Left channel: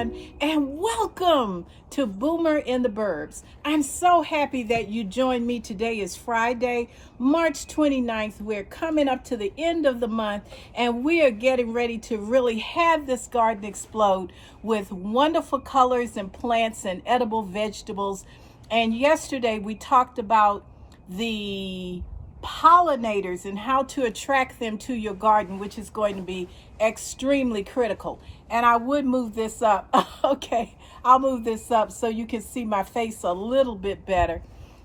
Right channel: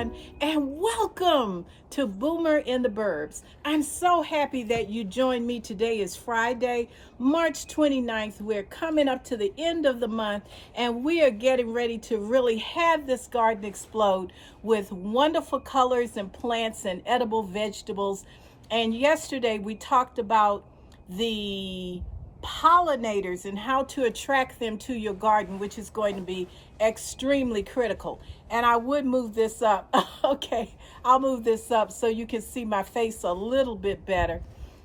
everyone, and welcome to Boomer in the Burbs. I'm so happy that you joined me. Today is Friday, March 29th. We're coming up to the end of the month, and we are getting ready to really have this garden explode with wonderful colors and plants and edible vegetables. And yesterday we talked about the pollinators and how to attract them to your garden, which is going to be extremely critical. And I would move this up. Okay, I'll move this up so you can see my face a little bit better.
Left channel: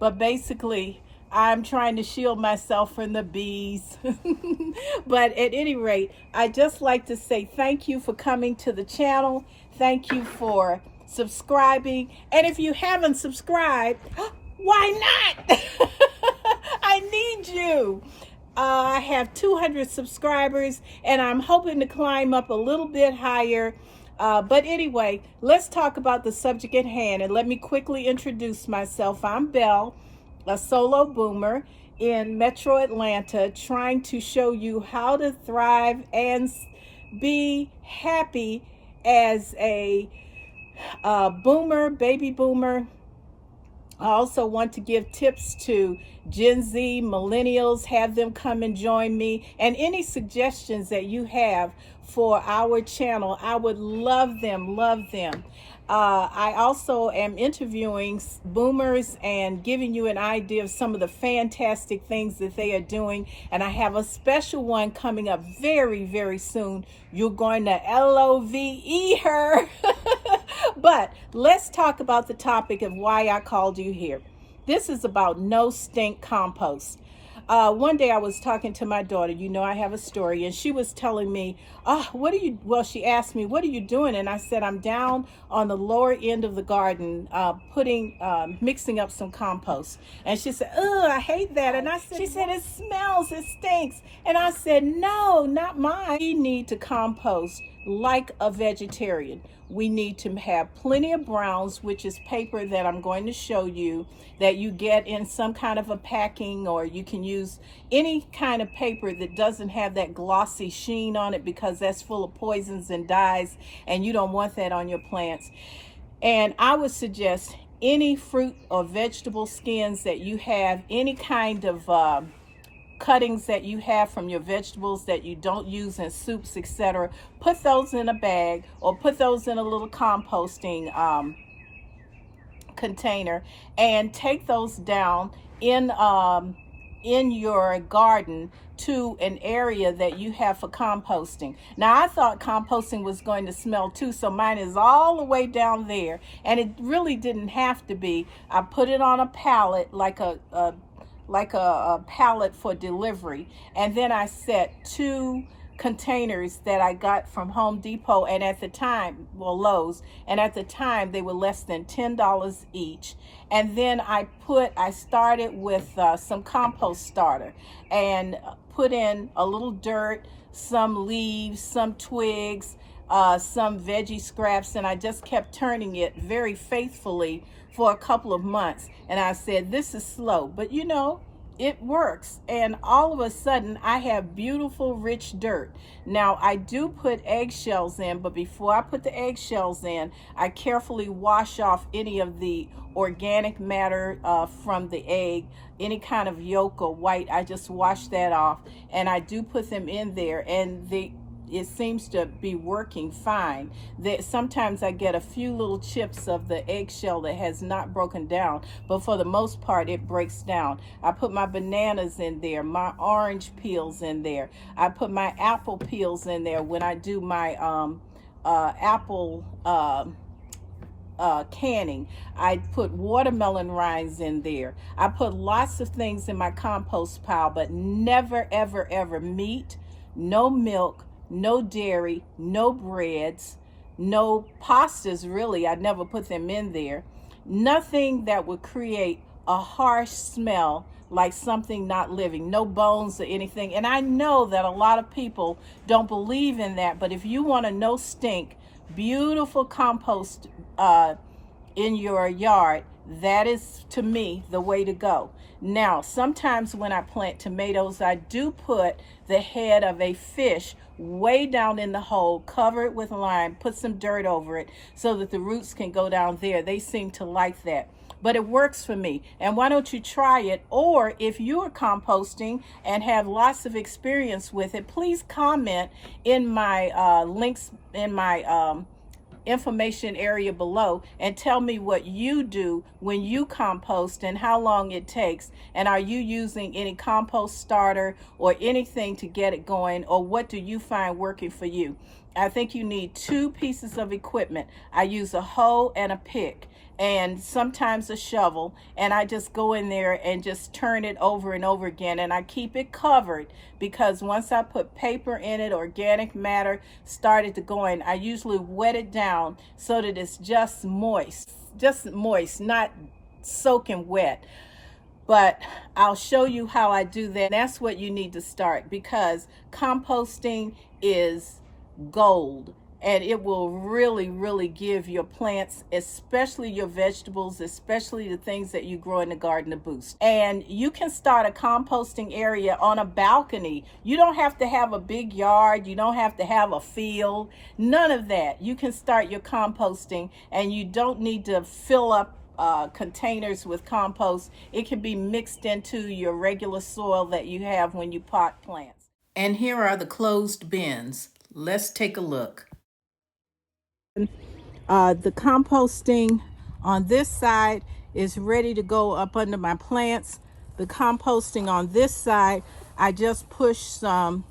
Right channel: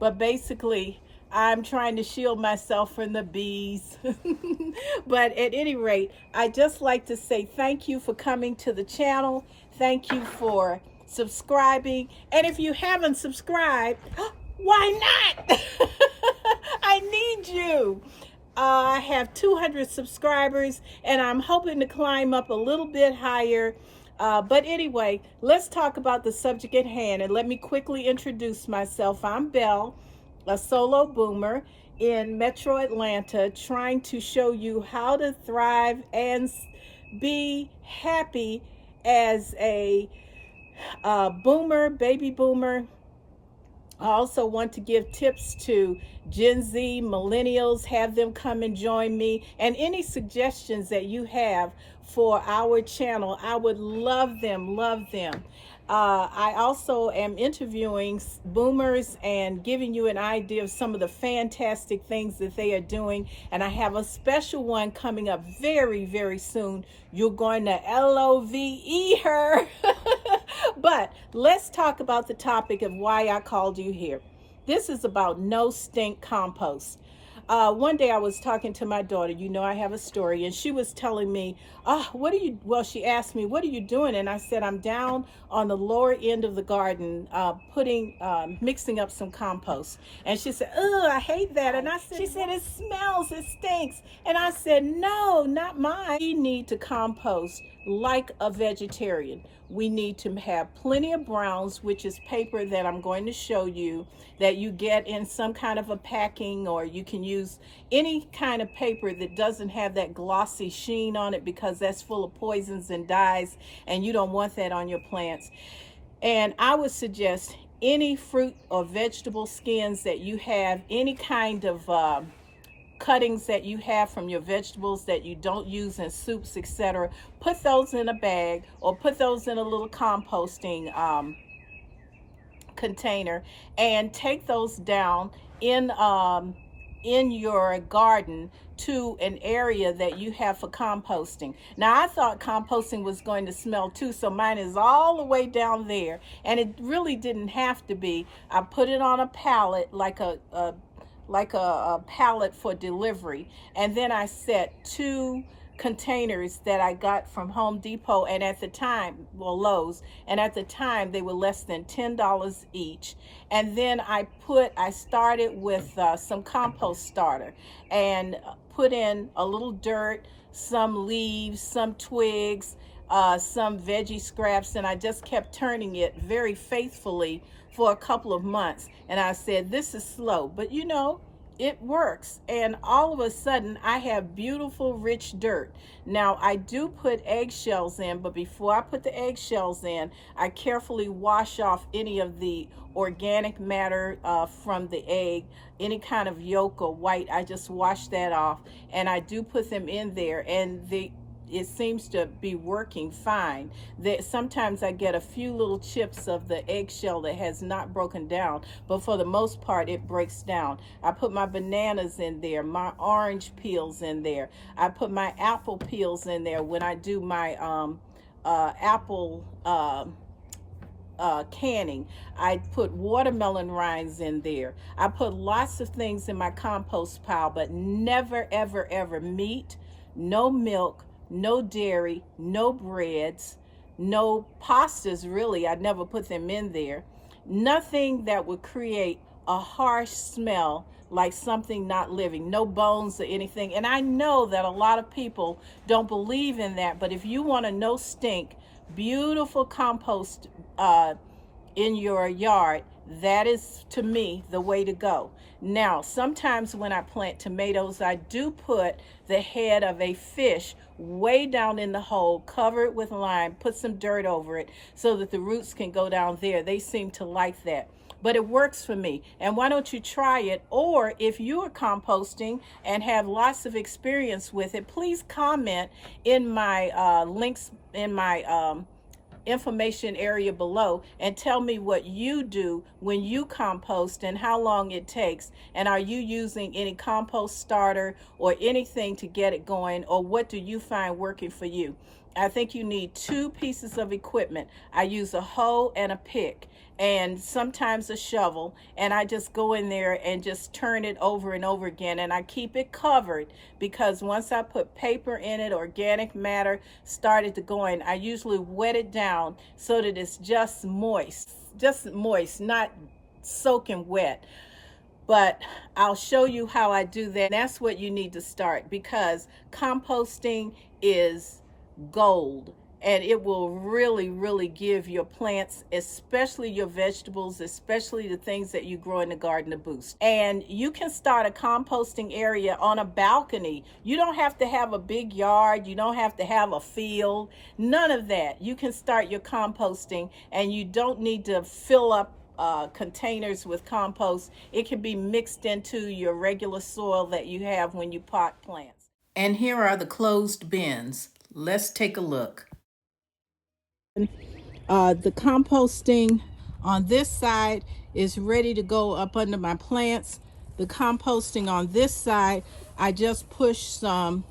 But basically, I'm trying to shield myself from the bees. But at any rate, I just like to say thank you for coming to the channel. Thank you for subscribing. And if you haven't subscribed, why not? I need you. I have 200 subscribers and I'm hoping to climb up a little bit higher. But anyway, let's talk about the subject at hand, and let me quickly introduce myself. I'm Belle, a solo boomer in Metro Atlanta, trying to show you how to thrive and be happy as a boomer, baby boomer. I also want to give tips to Gen Z, millennials, have them come and join me. And any suggestions that you have for our channel, I would love them, love them. I also am interviewing boomers and giving you an idea of some of the fantastic things that they are doing. And I have a special one coming up very, very soon. You're going to LOVE her. But let's talk about the topic of why I called you here. This is about no stink compost. One day I was talking to my daughter. You know, I have a story, and she was telling me, she asked me, what are you doing? And I said, I'm down on the lower end of the garden, mixing up some compost. And she said, oh, I hate that. And she said, it smells, it stinks. And I said, no, not mine. We need to compost like a vegetarian. We need to have plenty of browns, which is paper that I'm going to show you, that you get in some kind of a packing, or you can use any kind of paper that doesn't have that glossy sheen on it, because that's full of poisons and dyes, and you don't want that on your plants. And I would suggest any fruit or vegetable skins that you have, any kind of cuttings that you have from your vegetables that you don't use in soups, etc., put those in a bag or put those in a little composting container, and take those down in your garden to an area that you have for composting. Now, I thought composting was going to smell too, so mine is all the way down there, and it really didn't have to be. I put it on a pallet, like a pallet for delivery, and then I set 2 containers that I got from Home Depot, and at the time, Lowe's, and at the time they were less than $10 each. And then I started with some compost starter, and put in a little dirt, some leaves, some twigs, some veggie scraps, and I just kept turning it very faithfully for a couple of months. And I said, this is slow, but you know, it works. And all of a sudden I have beautiful rich dirt. Now, I do put eggshells in, but before I put the eggshells in, I carefully wash off any of the organic matter from the egg, any kind of yolk or white. I just wash that off, and I do put them in there, and it seems to be working fine. Sometimes I get a few little chips of the eggshell that has not broken down, but for the most part it breaks down. I put my bananas in there, my orange peels in there. I put my apple peels in there when I do my apple canning. I put watermelon rinds in there. I put lots of things in my compost pile, but never, ever, ever meat, no milk, no dairy, no breads, no pastas, really. I never put them in there. Nothing that would create a harsh smell like something not living, no bones or anything. And I know that a lot of people don't believe in that, but if you want a no stink, beautiful compost in your yard, that is, to me, the way to go. Now, sometimes when I plant tomatoes, I do put the head of a fish way down in the hole, cover it with lime, put some dirt over it so that the roots can go down there. They seem to like that. But it works for me. And why don't you try it? Or if you are composting and have lots of experience with it, please comment in my links in my information area below and tell me what you do when you compost and how long it takes, and are you using any compost starter or anything to get it going, or what do you find working for you? I think you need 2 pieces of equipment. I use a hoe and a pick and sometimes a shovel, and I just go in there and just turn it over and over again, and I keep it covered because once I put paper in it, organic matter started to go in. I usually wet it down so that it's just moist, not soaking wet. But I'll show you how I do that. That's what you need to start, because composting is gold, and it will really give your plants, especially your vegetables, especially the things that you grow in the garden, a boost. And you can start a composting area on a balcony. You don't have to have a big yard. You don't have to have a field. None of that. You can start your composting, and you don't need to fill up containers with compost. It can be mixed into your regular soil that you have when you pot plants. And here are the closed bins. Let's take a look. The composting on this side is ready to go up under my plants. The composting on this side, I just pushed some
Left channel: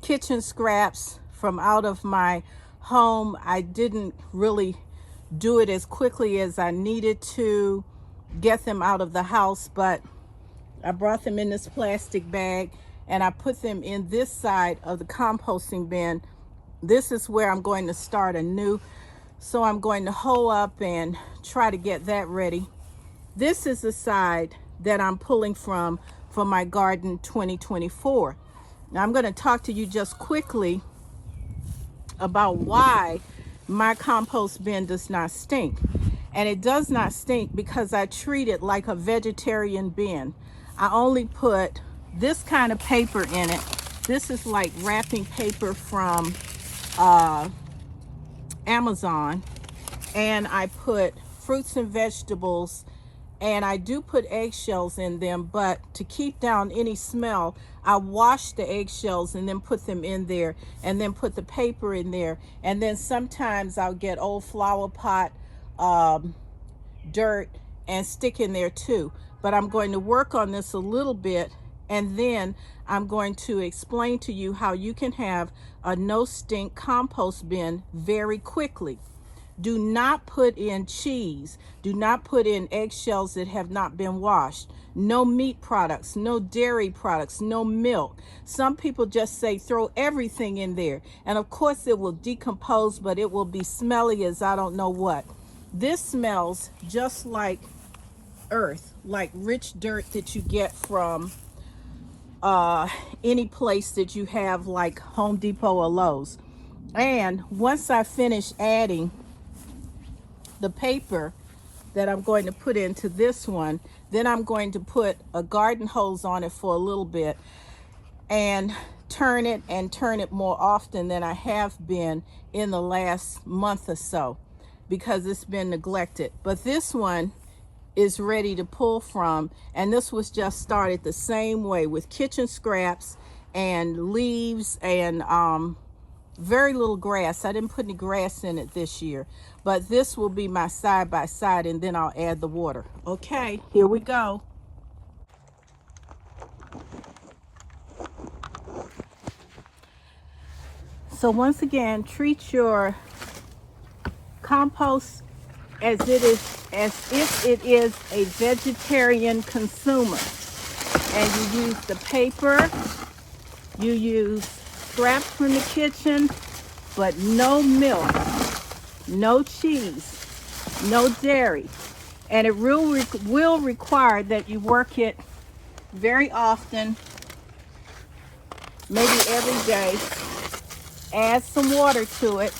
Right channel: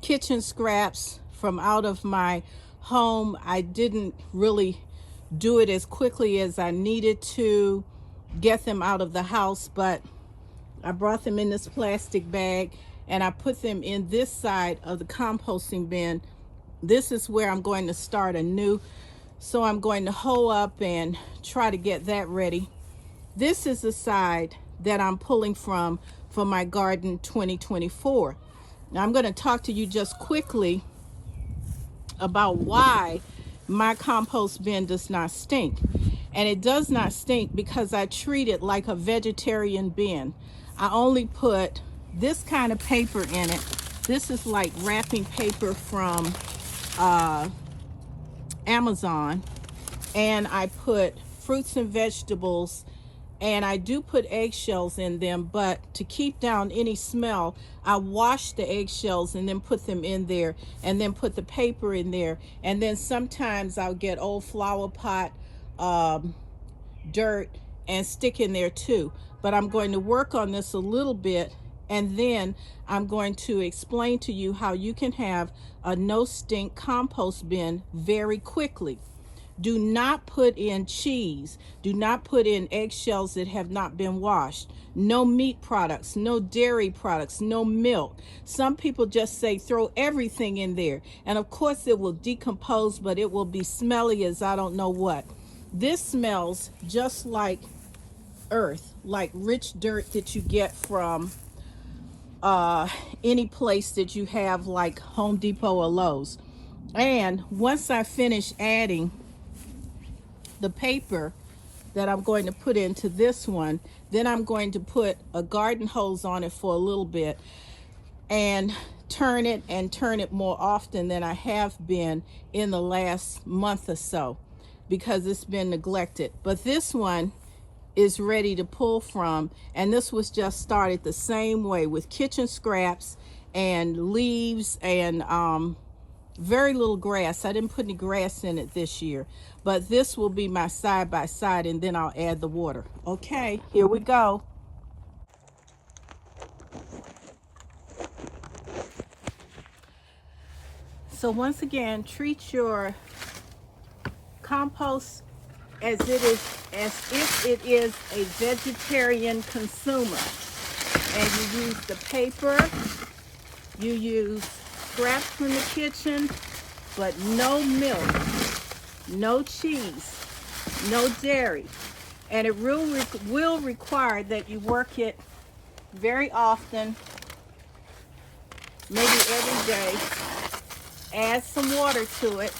kitchen scraps from out of my home. I didn't really do it as quickly as I needed to get them out of the house, but I brought them in this plastic bag and I put them in this side of the composting bin. This is where I'm going to start anew. So I'm going to hoe up and try to get that ready. This is the side that I'm pulling from for my garden 2024. Now I'm going to talk to you just quickly about why my compost bin does not stink. And it does not stink because I treat it like a vegetarian bin. I only put this kind of paper in it. This is like wrapping paper from Amazon, and I put fruits and vegetables, and I do put eggshells in them, but to keep down any smell, I wash the eggshells and then put them in there, and then put the paper in there, and then sometimes I'll get old flower pot dirt and stick in there too. But I'm going to work on this a little bit, and then I'm going to explain to you how you can have a no stink compost bin very quickly. Do not put in cheese. Do not put in eggshells that have not been washed. No meat products, no dairy products, no milk. Some people just say throw everything in there. And of course it will decompose, but it will be smelly as I don't know what. This smells just like earth, like rich dirt that you get from any place that you have, like Home Depot or Lowe's. And once I finish adding the paper that I'm going to put into this one, then I'm going to put a garden hose on it for a little bit and turn it more often than I have been in the last month or so, because it's been neglected. But this one is ready to pull from, and this was just started the same way with kitchen scraps and leaves and very little grass. I didn't put any grass in it this year, but this will be my side by side, and then I'll add the water. Okay, here we go. So once again, treat your compost as if it is a vegetarian consumer. And you use the paper, you use scraps from the kitchen, but no milk, no cheese, no dairy. And it will require that you work it very often, maybe every day. Add some water to it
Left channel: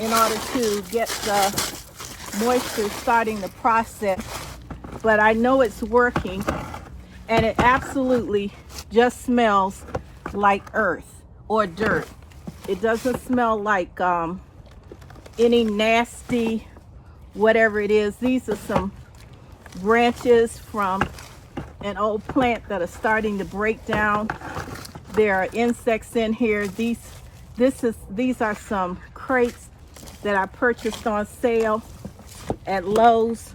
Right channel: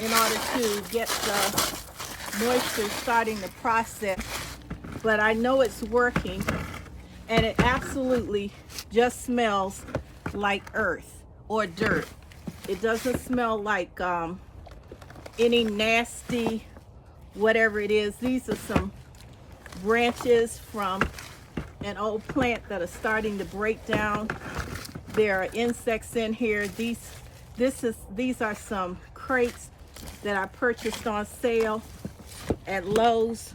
in order to get the moisture starting the process. But I know it's working, and it absolutely just smells like earth. or dirt. It doesn't smell like any nasty whatever it is. These are some branches from an old plant that are starting to break down. There are insects in here. These are some crates that I purchased on sale at Lowe's,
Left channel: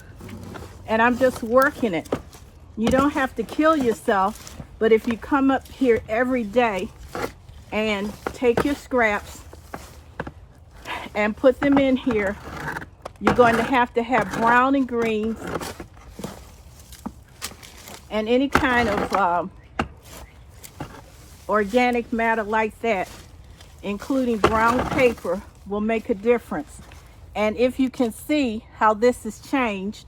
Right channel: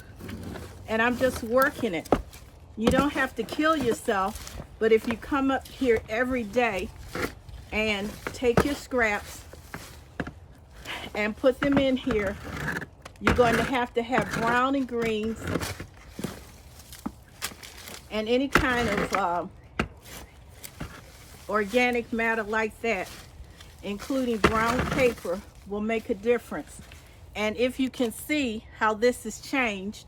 and I'm just working it. You don't have to kill yourself, but if you come up here every day and take your scraps and put them in here, you're going to have brown and greens and any kind of organic matter like that, including brown paper, will make a difference. And if you can see how this has changed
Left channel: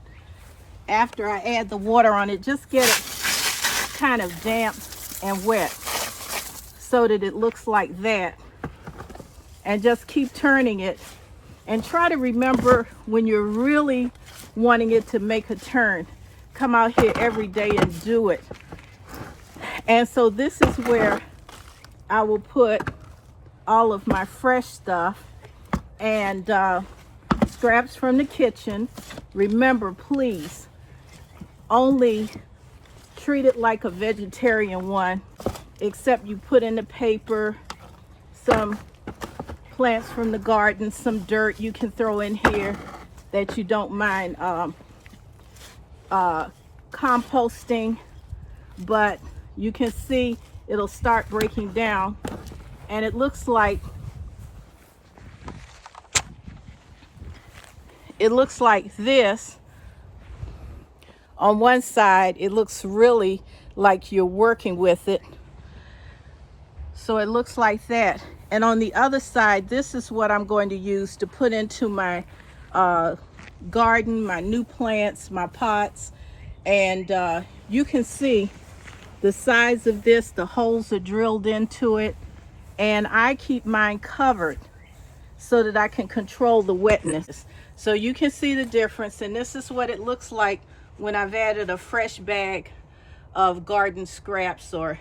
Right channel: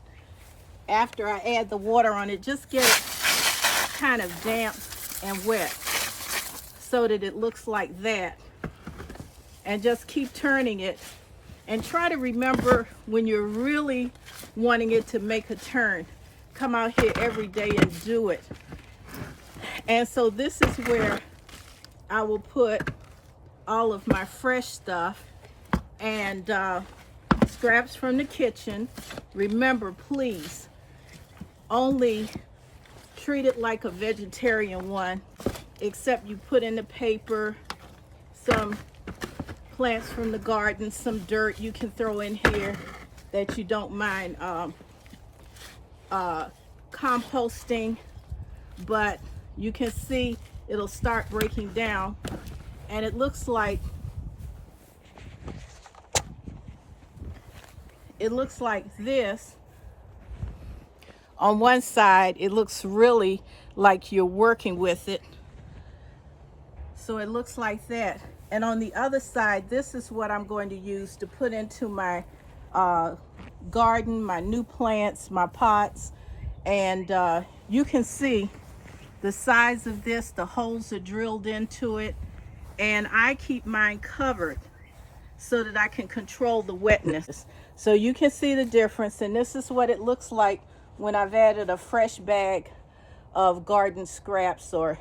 after I add the water on it, just get it kind of damp and wet so that it looks like that. And just keep turning it, and try to remember when you're really wanting it to make a turn, come out here every day and do it. And so this is where I will put all of my fresh stuff and scraps from the kitchen. Remember, please, only treat it like a vegetarian one, except you put in the paper some plants from the garden, some dirt you can throw in here that you don't mind composting. But you can see it'll start breaking down, and it looks like this. On one side it looks really like you're working with it, so it looks like that. And on the other side, this is what I'm going to use to put into my garden, my new plants, my pots. And you can see the size of this, the holes are drilled into it, and I keep mine covered so that I can control the wetness. So you can see the difference, and this is what it looks like when I've added a fresh bag of garden scraps, or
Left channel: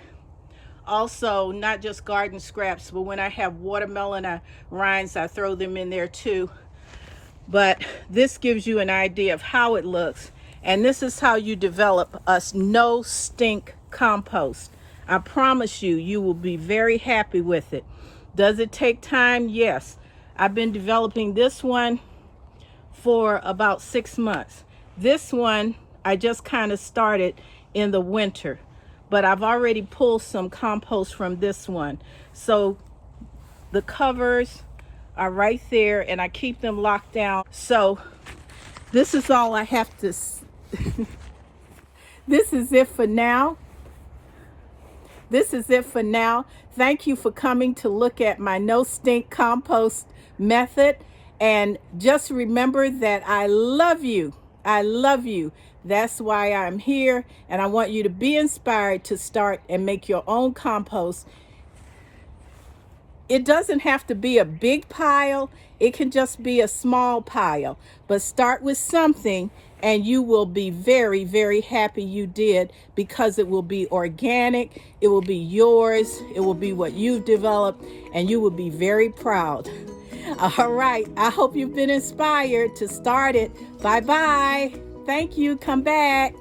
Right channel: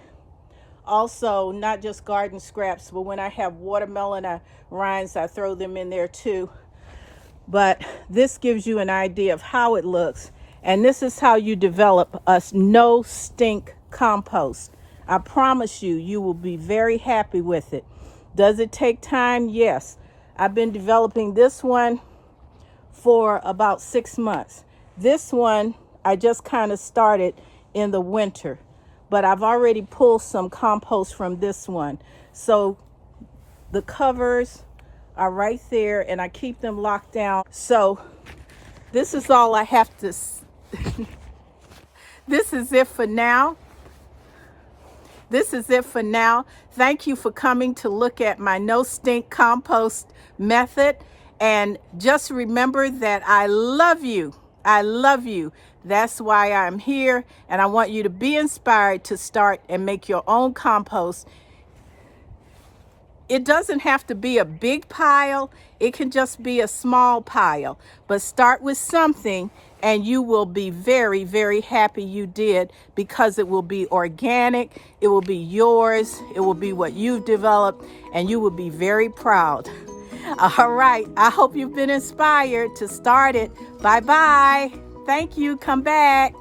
also not just garden scraps, but when I have watermelon rinds, I throw them in there too. But this gives you an idea of how it looks, and this is how you develop a no stink compost. I promise you, you will be very happy with it. Does it take time? Yes. I've been developing this one for about 6 months. This one I just kind of started in the winter, but I've already pulled some compost from this one. So the covers are right there, and I keep them locked down. So this is all I have to this is it for now. This is it for now. Thank you for coming to look at my no stink compost method. And just remember that I love you. I love you. That's why I'm here, and I want you to be inspired to start and make your own compost. It doesn't have to be a big pile. It can just be a small pile. But start with something, and you will be very, very happy you did, because it will be organic. It will be yours. It will be what you've developed, and you will be very proud. All right. I hope you've been inspired to start it. Bye-bye. Thank you. Come back.